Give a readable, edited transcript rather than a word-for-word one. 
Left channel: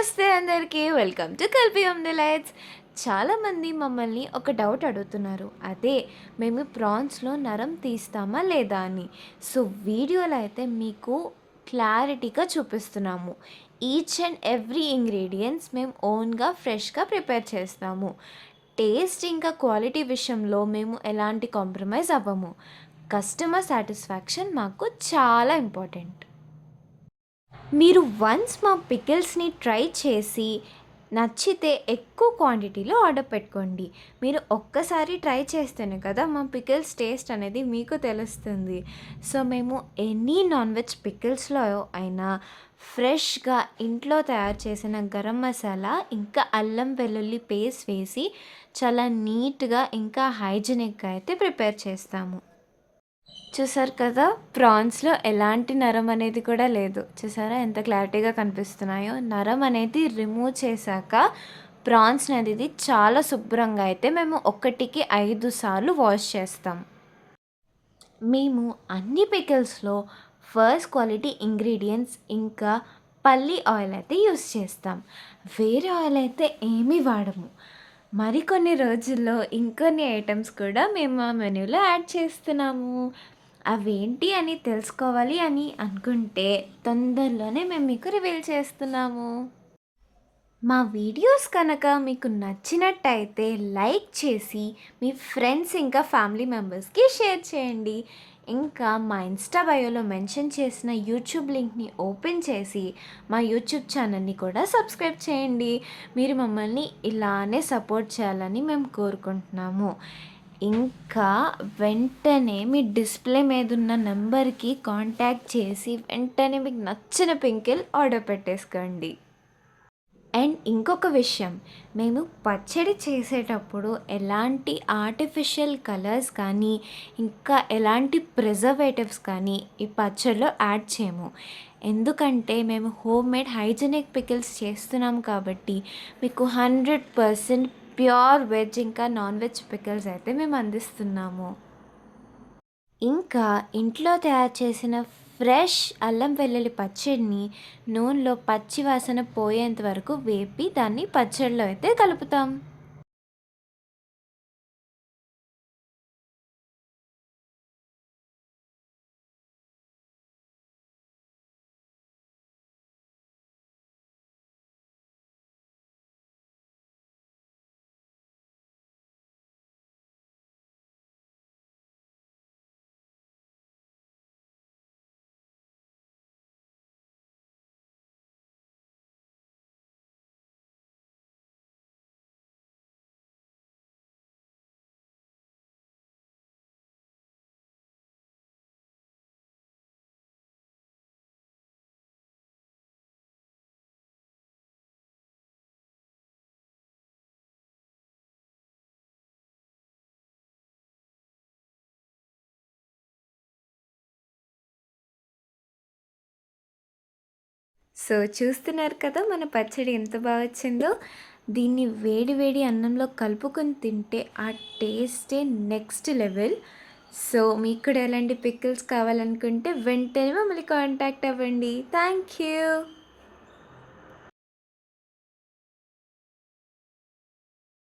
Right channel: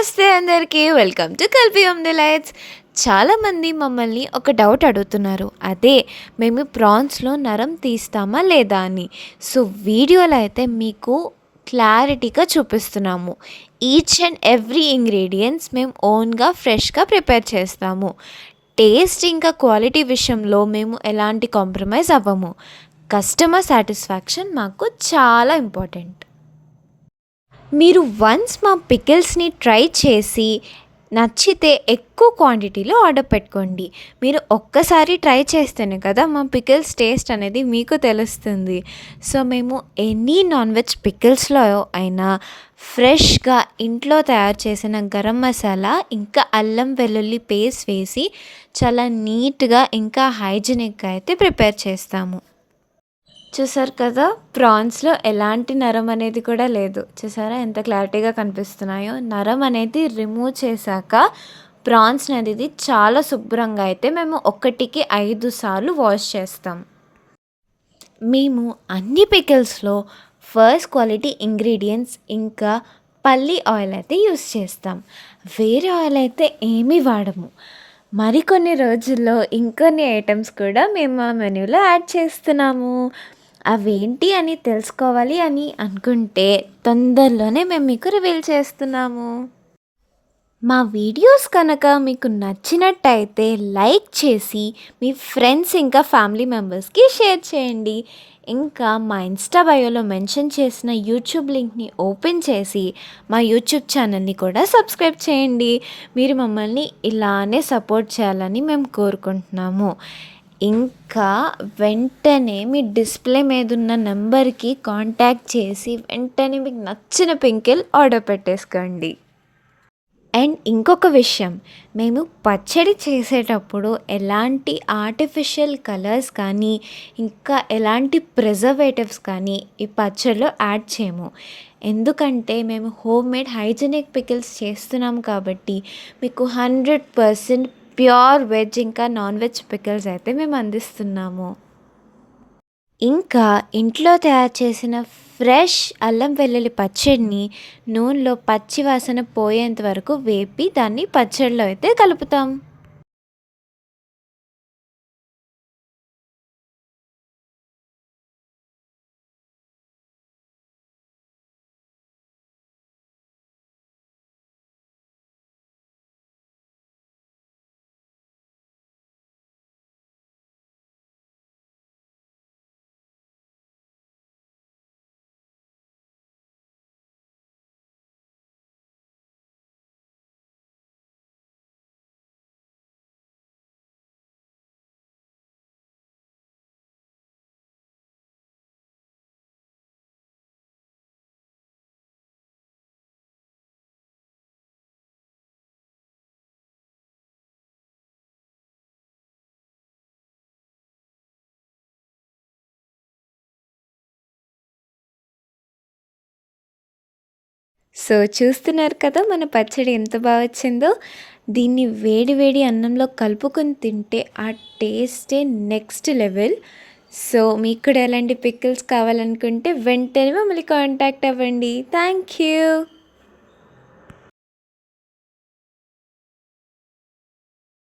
నమస్తే అందరికీ. Welcome to Kalpi on the lights. చాలామంది మమ్మల్ని ఒక డౌట్ అడుగుతున్నారు. అదే మేము ప్రాన్స్‌లో నరం తీస్తామా లేదా అని. సో, వీడియోలో అయితే మీకు క్లారిటీగా చూపిస్తున్నాము. ఈచ్ అండ్ ఎవ్రీ ఇంగ్రీడియెంట్స్ మేము ఓన్‌గా ఫ్రెష్‌గా ప్రిపేర్ చేస్తాము. టేస్ట్ ఇంకా క్వాలిటీ విషయంలో మేము ఎలాంటి కాంప్రమైజ్ అవ్వము. కస్టమర్ సాటిస్ఫాక్షన్ మాకు చాలా ఇంపార్టెంట్. మీరు వన్స్ మా పికిల్స్ని ట్రై చేసి నచ్చితే ఎక్కువ క్వాంటిటీలో ఆర్డర్ పెట్టుకోండి. మీరు ఒక్కసారి ట్రై చేస్తేనే కదా మా పికిల్స్ టేస్ట్ అనేది మీకు తెలుస్తుంది. సో మేము ఎనీ నాన్ వెజ్ పికిల్స్లో అయినా ఫ్రెష్గా ఇంట్లో తయారు చేసిన గరం మసాలా ఇంకా అల్లం వెల్లుల్లి పేస్ట్ వేసి చాలా నీట్గా ఇంకా హైజీనిక్గా అయితే ప్రిపేర్ చేస్తాము. చూసారు కదా, ప్రాన్స్‌లో ఎలాంటి నరం అనేది కూడా లేదు. చూసారా ఎంత క్లారిటీగా కనిపిస్తున్నాయో? నరం అనేది రిమూవ్ చేశాక ప్రాన్స్ అనేది చాలా శుభ్రంగా అయితే మేము ఒకటికి 5 సార్లు వాష్ చేస్తాం. మేము అన్ని పికిల్స్‌లో ఫస్ట్ క్వాలిటీ ఇంగ్రీడియెంట్స్ ఇంకా పల్లి ఆయిల్ అయితే యూస్ చేస్తాం. వేరే ఆయిల్ అయితే ఏమీ వాడము. మరికొన్ని రోజుల్లో ఇంకొన్ని ఐటెమ్స్ కూడా మేము మా మెనూలో యాడ్ చేస్తున్నాము. అవేంటి అని తెలుసుకోవాలి అని అనుకుంటే తొందరలోనే మేము మీకు రివీల్ చేస్తున్నాము. మా వీడియోస్ కనుక మీకు నచ్చినట్టయితే లైక్ చేసి మీ ఫ్రెండ్స్ ఇంకా ఫ్యామిలీ మెంబర్స్కి షేర్ చేయండి. ఇంకా మా ఇన్స్టా బయోలో మెన్షన్ చేసిన యూట్యూబ్ లింక్ని ఓపెన్ చేసి మా యూట్యూబ్ ఛానల్ని కూడా సబ్స్క్రైబ్ చేయండి. మీరు మమ్మల్ని ఇలానే సపోర్ట్ చేయాలని మేము కోరుకుంటున్నాము. ఇంకా వెంటనే మీ డిస్ప్లే మీద ఉన్న నెంబర్కి కాంటాక్ట్ చేసి వెంటనే మీకు నచ్చిన పింకిల్ ఆర్డర్ పెట్టేసుకోండి. అండ్ ఇంకొక విషయం, మేము పచ్చడి చేసేటప్పుడు ఎలాంటి ఆర్టిఫిషియల్ కలర్స్ కానీ ఇంకా ఎలాంటి ప్రిజర్వేటివ్స్ కానీ ఈ పచ్చడిలో యాడ్ చేయము. ఎందుకంటే మేము హోమ్మేడ్ హైజీనిక్ పికిల్స్ చేస్తున్నాం కాబట్టి మీకు 100% ప్యూర్ వెజ్ ఇంకా నాన్ వెజ్ పికిల్స్ అయితే మేము అందిస్తున్నాము. ఇంకా ఇంట్లో తయారు చేసిన ఫ్రెష్ అల్లం వెల్లుల్లి పచ్చడిని నూనెలో పచ్చి వాసన పోయేంత వరకు వేపి దాన్ని పచ్చడిలో అయితే కలుపుతాం. సో చూస్తున్నారు కదా మన పచ్చడి ఎంత బాగా వచ్చిందో. దీన్ని వేడి వేడి అన్నంలో కలుపుకొని తింటే ఆ టేస్టే నెక్స్ట్ లెవెల్. సో మీకు కూడా ఎలాంటి పికిల్స్ కావాలనుకుంటే వెంటనే మమ్మల్ని కాంటాక్ట్ అవ్వండి. Thank you.